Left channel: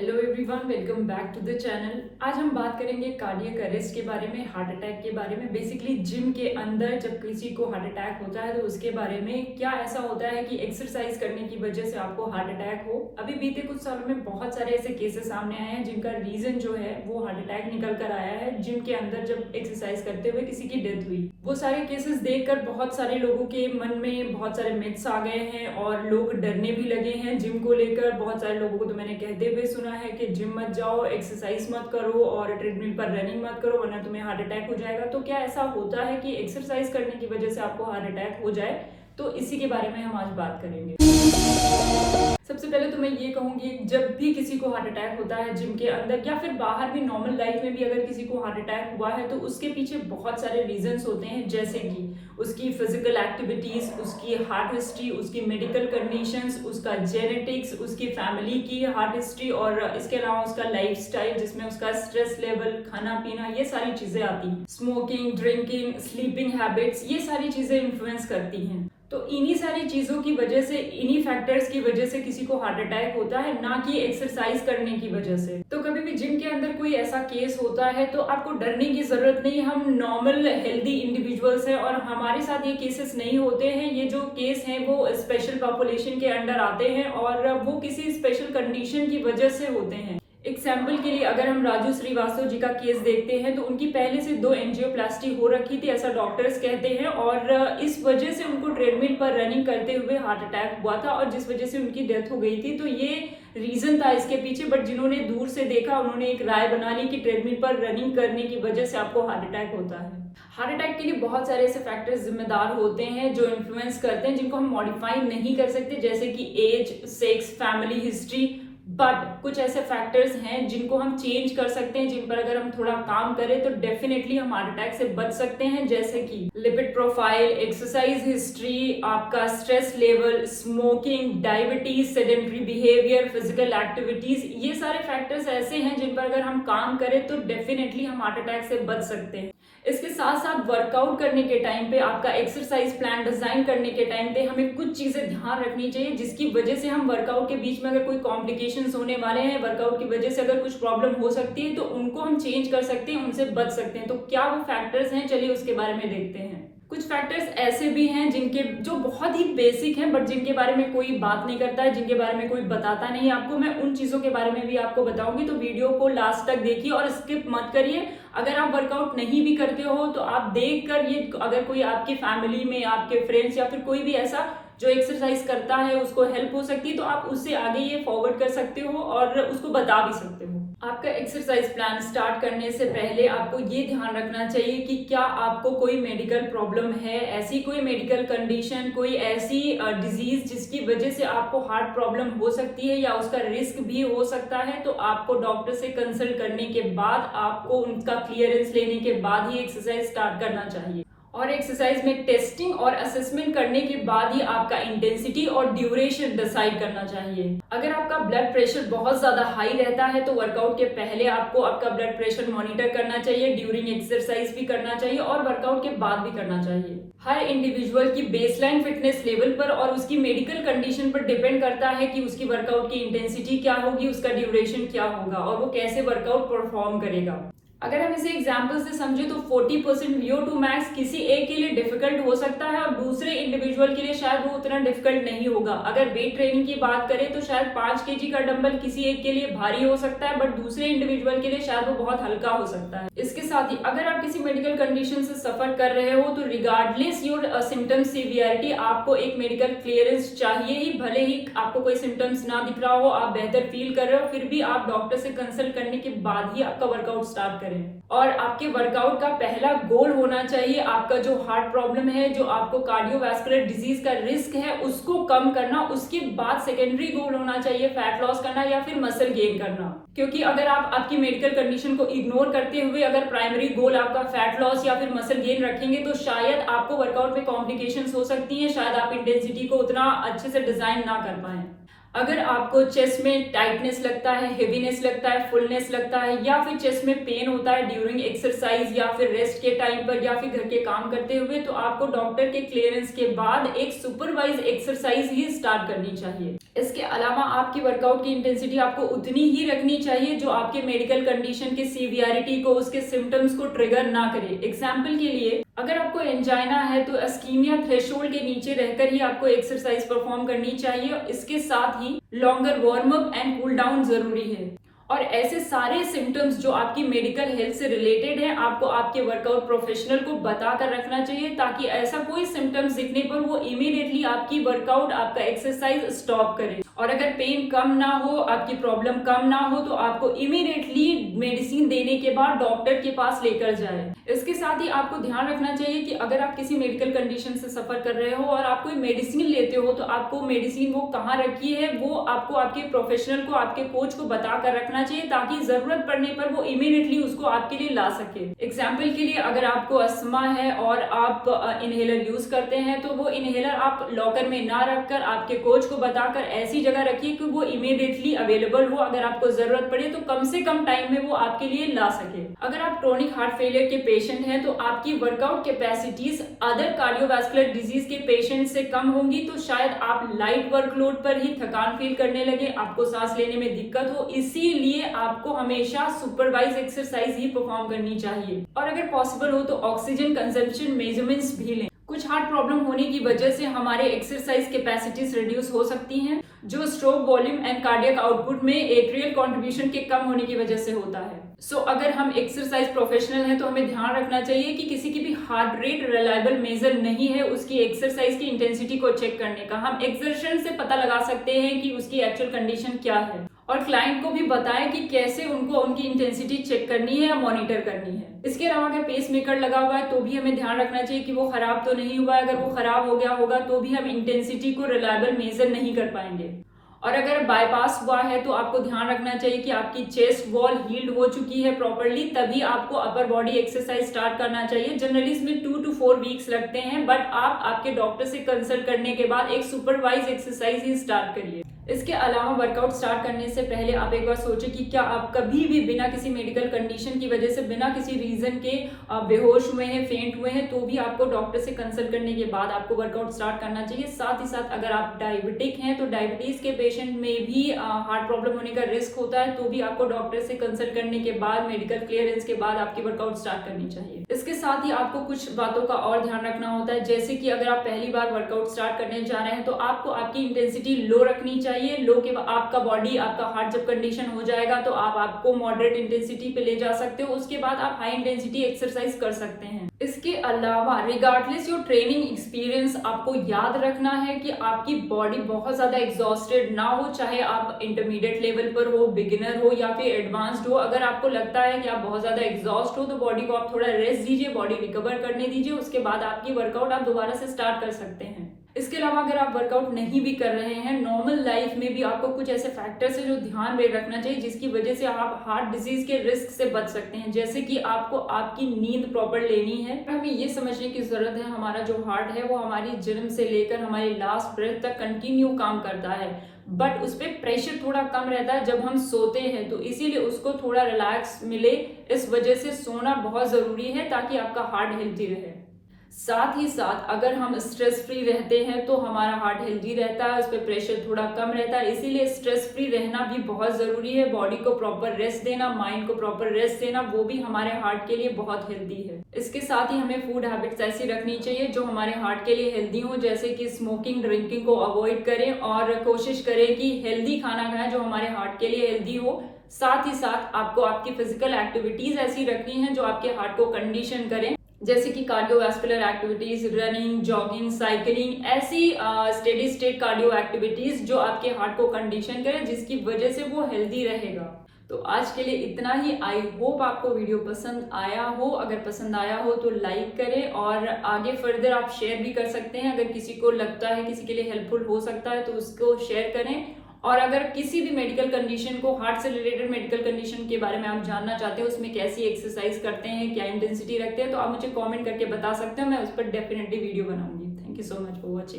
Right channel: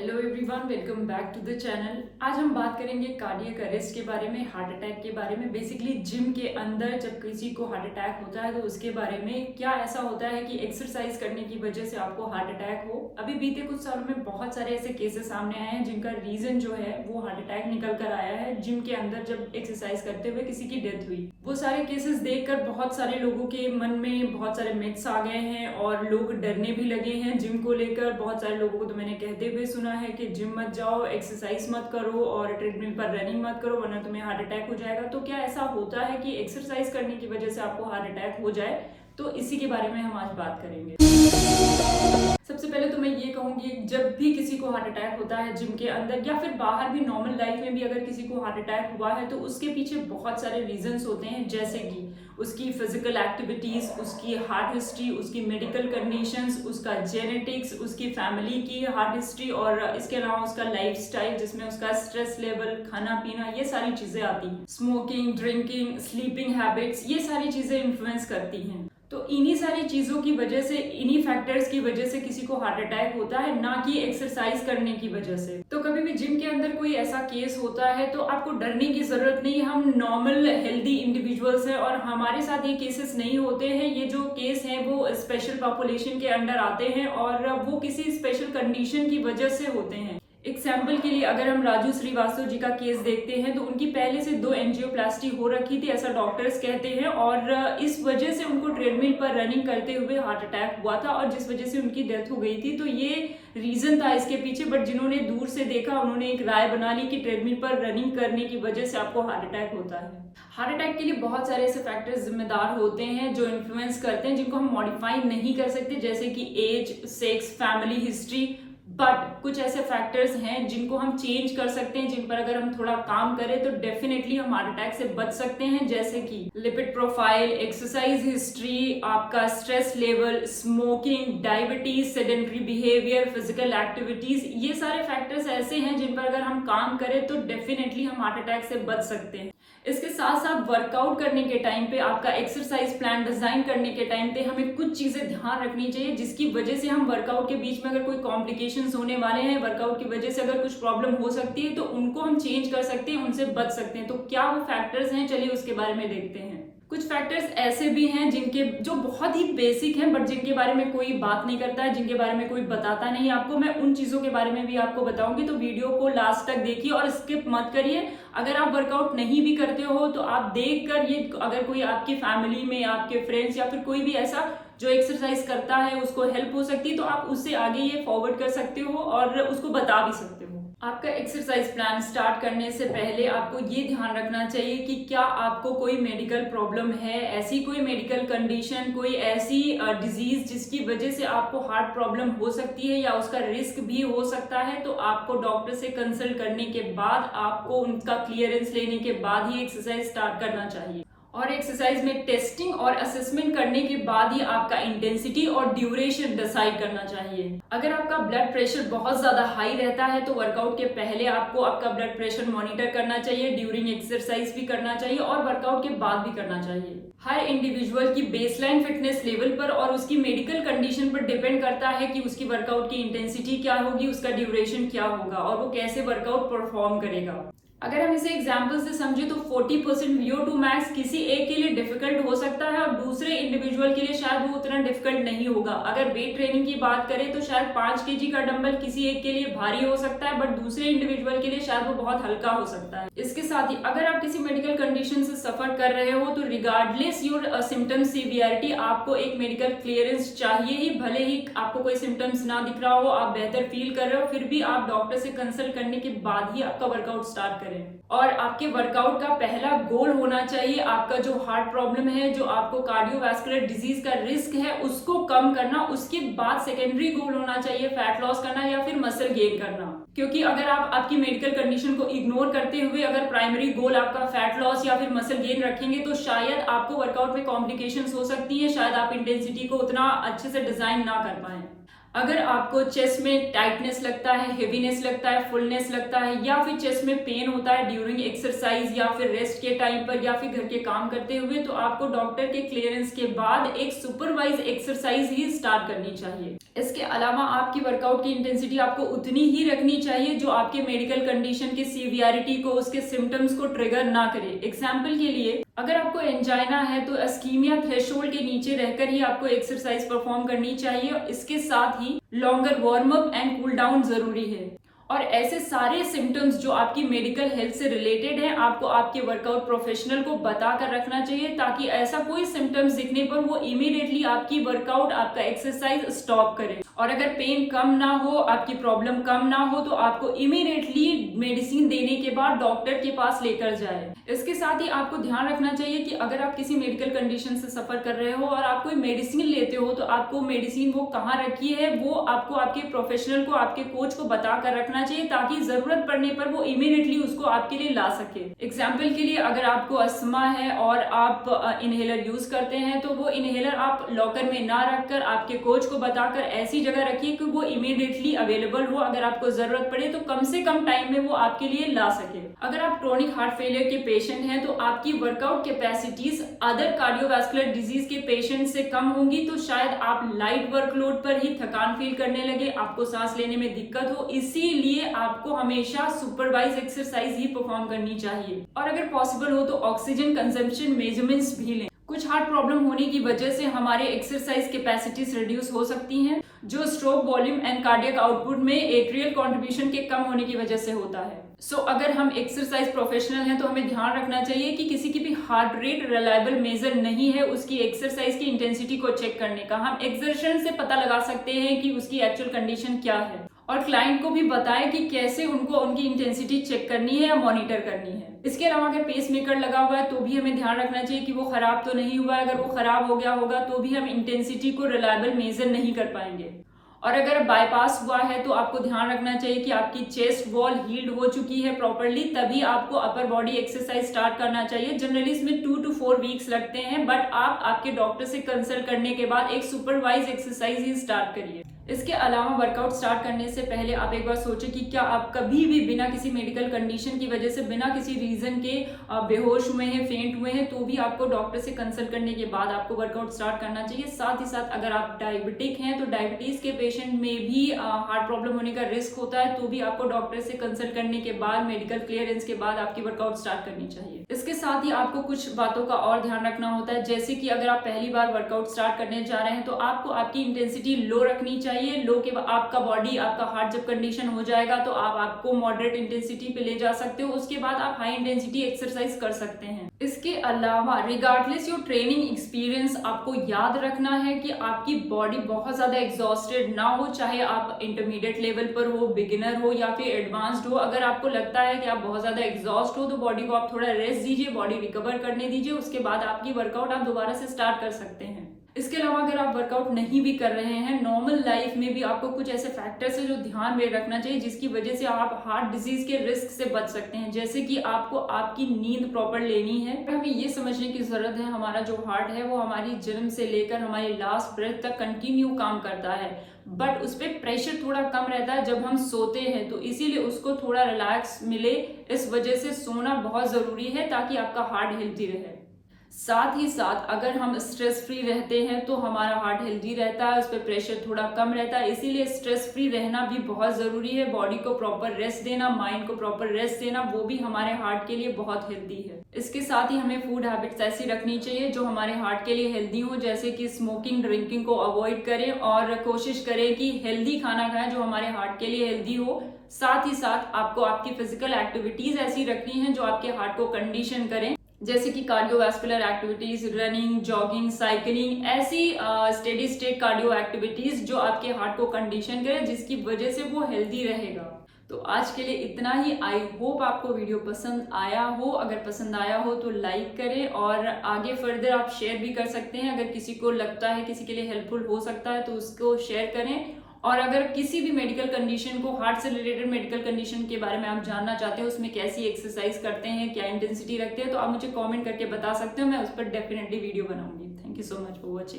Hello everyone, welcome back to the channel. आज हम बात करेंगे कार्डियक अरेस्ट के बारे में, हार्ट अटैक के बारे में। बेसिकली जिम के अंदर जब किसी को हार्ट अटैक होता है तो उसके बारे में क्या ऐसा होता है कि एक्सरसाइज करने की वजह से आपको हार्ट अटैक हो। अभी बीते कुछ सालों में बहुत सारे ऐसे केसेस सामने आए हैं जिनका रीजन जो है वो हार्ट अटैक निकल कर आया है। जिम के अंदर जब एक्सरसाइज करते हुए किसी की डेथ हुई, वो सारे केसेस देखकर बहुत सारे लोगों के मन में बहुत सारे मिथ्स आ गए हैं और लोग डरने भी लगे हैं जिम को लेकर। बहुत सारे लोगों को तो मैंने कहते हुए सुना है कि जिम मत जाओ, एक्सरसाइज मत करो और ट्रेडमिल पर रनिंग मत करो वरना तुम्हें हार्ट अटैक हो जाएगा। तो क्या ऐसा होता है कि एक्सरसाइज करने की वजह से आपको हार्ट अटैक हो जाए? तो इसी के बारे में हम आज बात करेंगे। सबसे पहले तो मैं ये कहूंगी, जब भी किसी को हार्ट अटैक होता है जिम के अंदर या फिर बाहर भी नॉर्मल लाइफ में भी अगर किसी को हार्ट अटैक हुआ है तो उसके पीछे बहुत सारे रीजंस होते हैं, जैसे कि उसकी फिजिकल एक्टिविटीज, उसकी हार्ट हिस्ट्री, उसकी मेडिकल कंडीशंस, उसका जेनेटिक्स, उसकी फैमिली की हार्ट हिस्ट्री और इसके अलावा उसका लाइफस्टाइल जिसमें उसका स्ट्रेस लेवल, खाना पीना, ये सारी चीजें आती हैं। स्मोकिंग, ड्रिंकिंग, स्लीपिंग हैबिट्स, ये सारी चीजें इन्फ्लुएंस करती हैं। तो इन्हीं सारी चीजों की वजह से, इन्हीं फैक्टर्स की वजह से किसी को हार्ट अटैक होता है, ना कि एक्सरसाइज करने की वजह से। तो कभी भी जिम के अंदर कोई ऐसा केस होता है तो आपको डरने की जरूरत नहीं। हम नॉर्मल हेल्दी इंडिविजुअल्स हैं और हमारे साथ ये केसेस नहीं होते हैं। ये जो केस हैं वो स्पेशल पॉपुलेशन के अंडर आते हैं और वो किसी स्पेशल कंडीशन की वजह से होते हैं। एग्जाम्पल के लिए अगर हम राजू श्रीवास्तव जी का केस देखते हैं तो उनकी पहले से 2 एंजियोप्लास्टी हो रखी थी, ऐसा डॉक्टर्स कहते हैं, और इस वजह से उनको ट्रेडमिल पर रनिंग करते हुए हार्ट अटैक हुआ था और जिस वजह से उनकी डेथ हो गई थी। तो ये रीजन था इसके पीछे। बट जिन्होंने दूर से देखा उन्होंने एक राय बना ली कि ट्रेडमिल पर रनिंग करने की वजह से आपको हार्ट अटैक होता है। हार्ट अटैक के लिए बहुत सारे ऐसे फैक्टर्स जिम्मेदार होते हैं जो इन्फ्लुएंस करते हैं, जिनको हम मॉडिफाई नहीं कर सकते, जैसे कि age, sex, family history. But कुछ ऐसे फैक्टर्स हैं जिनको हम चेंज कर सकते हैं, जिन पर अगर हम थोड़ा काम करें तो डेफिनेटली हम हार्ट अटैक से बच सकते हैं, जैसे कि लिपिड प्रोफाइल, एक्सरसाइज हिस्ट्री, आपका stress level, smoking, diabetes, sedentary behaviour, physical activities. ये सारे फैक्टर्स ऐसे हैं जिन पर अगर हम काम करें तो डेफिनेटली हम हार्ट अटैक से बच सकते हैं। इसके साथ साथ वर्कआउट करने के टाइम पे, आपका एक्सरसाइज प्लान डिजाइन करने के टाइम पे हमें कुछ चीजें ध्यान रखनी चाहिए जिसकी वजह से हम वर्कआउट के बीच में अगर कोई कॉम्प्लिकेशंस होने वाले हैं, वर्कआउट की वजह से अगर कुछ प्रॉब्लम हो सकती है तो उनको हम चेंज कर सकते हैं, उनसे बच सकते हैं। तो क्या वो फैक्टर्स हैं, चलिए उसके बारे में देखते हैं। कुछ फैक्टर्स ऐसे भी हैं जिनके जो बहुत ही बेसिक हैं बट जिनके बारे में कोई बात नहीं करता है, जिनके बारे में कोई बताता नहीं आपको। मैं उन चीजों के बारे में भी आपको बताऊंगी, तो वीडियो को लास्ट तक देखिए और स्किप मत करिए। अगर आप वर्कआउट नहीं भी करते हो तो आप देखकर, ये अगर कोई आपकी फैमिली में, आपके फ्रेंड्स या फिर कोई भी ऐसा जो एक्सरसाइज करता है उसको हेल्प हो सकती है तो आप उससे आगे ये फॉरवर्ड कर सकते हो और उसको बता भी सकते हो। आपका एक्सरसाइज प्लान स्टार्ट करने से पहले आपको ये ध्यान रखना चाहिए कि क्या आपको कोई मेडिकल प्रॉब्लम है, ऐसी कोई मेडिकल कंडीशन, कोई ऐसी डिजीज जिसकी वजह से आपको हार्ट प्रॉब्लम हो सकती है या उसका रिस्क भी हो सकता है। तो आपको डॉक्टर से कंसल्ट करने के बाद, आपको उनका क्लियरेंस लेने के बाद ही एक्सरसाइज स्टार्ट करना चाहिए। और एक्सरसाइज में टेस्टिंग और असेसमेंट करने के बाद ही आपका इंटेंसिटी और ड्यूरेशन डिसाइड करना चाहिए। अगर आपका ब्लड प्रेशर बहुत ज्यादा हाई रहता है तो वर्कआउट के पहले आपको आपका ब्लड प्रेशर मॉनिटर करना चाहिए, ड्यूरिंग एक्सरसाइज भी करना चाहिए और वर्कआउट के बाद भी करना चाहिए। हर इंडिविजुअल की बेसलाइन फिटनेस लेवल पर और उसकी मेडिकल कंडीशन पर डिपेंड करता है कि उसकी वर्कआउट की इंटेंसिटी क्या होगी, उसका ड्यूरेशन क्या होगा और वो कैसे वर्कआउट परफॉर्म करेगा। अगर हम इसे एग्जाम्पल से समझे तो 40% VO2 मैक्स किसी एक के लिए डिफिकल्ट हो सकता है और दूसरे इंडिविजुअल के लिए शायद वो उतना डिफिकल्ट नहीं होगा। अगर वेट ट्रेनिंग की बात करें तो शायद 5 kg का डंबल किसी एक के लिए भारी हो सकता है बट दूसरे इंडिविजुअल के लिए शायद वो बहुत हल्का हो सकता है। इसके साथ ही अगर आप किसी मेडिकल कंडीशन से सफर कर रहे हो तो रिगार्डलेस योर सिम्टम सीवियरिटी आपको एक मेडिकल क्लियरेंस चाहिए ही। भले ही आपको कोई सिम्टम्स ना दिख रहा हो, आप बेहतर फील कर रहे हो, फिर भी आप डॉक्टर से कंसल्ट करने के बाद ही आपका वर्कआउट स्टार्ट करें। और आपके वर्कआउट का पहला गोल होना चाहिए आपका जो हार्ट प्रॉब्लम है, जो आपको कार्डियोवैस्कुलर डिजीज का रिस्क है, उसको कम करना। उसके बाद सेकेंडरी गोल होना चाहिए फैट लॉस करना या फिर मसल गेन करना। क्योंकि अगर आप आपकी मेडिकल कंडीशन को इग्नोर करते हुए अगर प्राइमरी गोल आपका फैट लॉस या फिर मसल गेन रखेंगे तो शायद आपको वर्कआउट में कॉम्प्लिकेशंस हो सकती है, शायद आप इंटेंसिटी को उतना अच्छे से डिजाइन ना कर पाए। अगर आपको चेस्ट में टाइटनेस लगता है, हेवीनेस लगता है, फुलनेस लगता है, या फिर चेस्ट में पेन होता है ड्यूरिंग एक्सरसाइज या फिर रेस्ट के टाइम पर या फिर घर के काम करते हुए, तो आपको डॉक्टर के क्लियरेंस के बाद एक सुपरवाइज एक्सरसाइज ही स्टार्ट करनी चाहिए। इसके अलावा आपकी वर्कआउट की इंटेंसिटी आपको उतनी ही रखनी चाहिए जो आपके मेडिकल कंडीशन के सीवियरिटी को, उसके सिम्टम्स को ट्रिगर ना करे। एग्जाम्पल के लिए अगर आपको एंजाइना है तो अस्कीमिया थ्रेशोल्ड के नीचे रहकर ही आपको एक्सरसाइज परफॉर्म करनी चाहिए। इसके साथ ही longer warm up and cool down जरूरी है। और ऐसे सारे सिम्टम्स जो आपकी मेडिकल हेल्थ से रिलेटेड है आपको आपके वर्कआउट प्रोफेशनल को बता कर रखना चाहिए, ताकि ऐसा कोई सिम्टम्स दिखने पर वो इमीडिएटली आपकी वर्कआउट, आपका एक्सरसाइज स्टॉप करे। और अगर पेन कम ना हो, आपकी प्रॉब्लम कम ना हो, तो आपको इमीडिएटली मेडिसिन देने के बाद डॉक्टर के पास लेकर जाए। इसके साथ ही आपको ध्यान रखना चाहिए कि अगर आप किसी मेडिकल कंडीशन से सफर कर रहे हो और आप कोई मेडिसिन लेते हो तो आपको मेडिसिन वो कहाँ रखी है वो आपको आपके प्रोफेशनल को, आपके कोच को बता कर रखना चाहिए, ताकि जरूरत पड़ने पर वो इमीडिएटली उसको आपके लिए ला सके। एग्जाम्पल के लिए अगर आपको अस्थमा है और आप इनहेलर यूज करते हैं तो वो इनहेलर आप लॉकर में ना रखकर आपके कोच को बताकर ऐसी जगह रखिए कि वो इमीडिएटली अवेलेबल हो। अगर आपको जरूरत पड़े तो कम से कम टाइम में वो आपके लिए ला सके। अगर आप क्रोनिक हार्ट फेलियर के पेशेंट हैं तो आपकी workout capacities other cardiovascular disease के पेशेंट से कम होंगी, तो शायद आप लाइट वर्कलोड पर ही थकान फील करने लगे, आपको सांस लेने में दिक्कत हो। इसीलिए आपको हमेशा सुपरवाइज एक्सरसाइज ही परफॉर्म करनी चाहिए। और अगर पॉसिबल हो तो ऑक्सीजन कंजम्पशन मेजरमेंट्स भी लें। कुछ हार्ट प्रॉब्लम होने की वजह से हमारे एक्सरसाइज कैपेसिटीज रिड्यूस हो सकती हैं, जो stroke volume and cardiac output में एट्रियल कंट्रीब्यूशन के कम होने की वजह से होता है। अगर हम एक्सरसाइज प्रोफेशनल हैं तो हमें ध्यान रखना चाहिए कि किसी की भी हार्ट रेट रिलायबल मेजर नहीं है उसकी एक्सरसाइज की इंटेंसिटी को चेक करने का। हम एक्सर्शन से पता लगा सकते हैं कि उसकी एक्चुअल कंडीशन क्या है, और क्लाइंट को भी बताएं कि कैसे उनको उनकी इंटेंसिटी चेक करनी है या मॉनिटर करनी है। इसके अलावा अगर पेस मेकर लगा हुआ है तो भी हमें ध्यान रखना चाहिए कि वो खराब तो नहीं हुआ है। अगर वो खराब हो गया होगा तो भी हम इंटेंसिटी को रिलायबल मेजर नहीं कर पाएंगे। और अगर बाईपास हुआ है तो आपको ध्यान रखना चाहिए कि आपकी चेस्ट वॉल हील्ड हो चुकी है प्रॉपर्ली, तभी आपको अपर बॉडी एक्सरसाइज स्टार्ट करना चाहिए। जनरली इसमें 2 to 4 वीक्स लगते हैं, बट आप आपके डॉक्टर से कंसल्ट करने के बाद एक सुपरवाइज एक्सरसाइज ही स्टार्ट करिए। इसके अलावा वर्कआउट स्टार्ट करने से पहले आप एक बार सोचें कि क्या आप कभी भी बिना किसी मेडिकल कंडीशन की वजह से, बिना किसी रीजन के बेहोश हुए हैं, फेंट हुए हैं, तो भी आपको डॉक्टर से कंसल्ट करने के बाद आपको वर्कआउट स्टार्ट करना चाहिए। साथ ही साथ अगर आप डायबिटिक हैं तो डायबिटीज के पेशेंट में भी हार्ट प्रॉब्लम होने का रिस्क होता है, तो भी आपको डॉक्टर से कंसल्ट करने के बाद, मेडिकल क्लियरेंस के बाद आपकी वर्कआउट स्टार्ट करनी चाहिए। इसके साथ ही आपको कुछ बातों का और ध्यान रखना होता है, जैसे कि अगर आप पहली बार वर्कआउट स्टार्ट करने जा रहे हैं तो आपको आपकी इंटेंसिटी लो रखनी चाहिए। लो के आपका बॉडी, आपका हार्ट जब कंडीशन हो जाएगा तो आप आपको मॉडरेट इंटेंसिटी पे ले जा सकते हो, उसके बाद आप हाई इंटेंसिटी एक्सरसाइज कर सकते हैं। इसके अलावा रिगार्डलेस योर ट्रेनिंग एक्सपीरियंस, आपको याद रखना है कि आपकी बॉडी बहुत ज्यादा एग्जॉस्टेड ना हो, चाहे आप इंटरमीडिएट लेवल पर हो, बिगिनर हो या फिर एडवांस्ड हो। अगर आपको लगता है कि आप बहुत ज्यादा एग्जॉस्ट हो तो बॉडी को आप थोड़ा रेस्ट दीजिए, बॉडी रिकवर करने दीजिए, उसके बाद आपकी वर्कआउट आप दोबारा से स्टार्ट कर सकते हैं। इसके अलावा अगर आप वर्कआउट नहीं भी कर रहे हैं, नॉर्मल लाइफ में भी आपको कुछ ऐसे फैक्टर्स है जो ध्यान में रखना चाहिए जिसकी वजह से आप हार्ट डिजीज के रिस्क से बच सकते हैं। जैसे कि आपको आपकी नींद प्रॉपर लेनी है। हमें ये समझने की जरूरत है हमारा जो हार्ट है वो हमारी जन्म से लेकर हमारी लास्ट ब्रेथ तक कंटिन्यू काम करता है, बट उस पर प्रेशर थोड़ा कम रहता है जब हम सोते हैं, तो इसीलिए उसको थोड़ा रिलैक्स मिले। इस वजह से सोना बहुत जरूरी है ताकि आपका हार्ट हेल्थी रहे। साथ ही साथ अगर हम स्ट्रेस फ्री रहते हैं तो हमारा हार्ट हेल्दी रहता है, उस पर प्रेशर थोड़ा कम रहता है, इसीलिए स्ट्रेस फ्री रहना भी बहुत जरूरी है। बॉडी को प्रॉपर रेस्ट देना, माइंड को प्रॉपर रेस्ट देना, वो भी हमारे हार्ट के लिए बहुत हेल्दी है। इसके साथ ही हमें फूड हैबिट्स ऐसी रखनी चाहिए जो हमारे हार्ट के लिए हेल्दी हो, जैसे कि स्मोकिंग, ड्रिंकिंग को अवॉइड करें और कोशिश करें कि हेल्दी खाना खाएं जो हमारे हार्ट के लिए हेल्दी हो। साथ ही साथ आपको आपकी फिजिकल एक्टिविटीज ऐसी रखनी है जो आपके हार्ट को कंडीशन करें, जैसे कि cardiovascular activities, running, jogging, cycling, ऐसी स्टेडी स्टेट कार्डियो एक्टिविटीज जो आपके हार्ट को कंडीशन करें, जिसकी वजह से वो हेल्दी रहेगा। तो आज के लिए इतना ही। आई होप आपको वीडियो पसंद आया हो। अगर पसंद आया हो तो लाइक करें और आगे फर्दर आप शेयर भी कर सकते हैं। अगर किसी को लगता है किसी के लिए हेल्पफुल हो सकता है तो उसको शेयर करें। और अगर किसी भी मेडिकल कंडीशन को, हार्ट से रिलेटेड मेडिकल कंडीशन के बारे में आप जानना चाहते हो, उसमें कैसी एक्सरसाइज करते हैं, क्या इंटेंसिटी रखते हैं, तो आप मुझे कमेंट करके बता सकते हो। मैं उस पर डेफिनेटली वीडियो बनाऊंगी। Thank you so much for watching.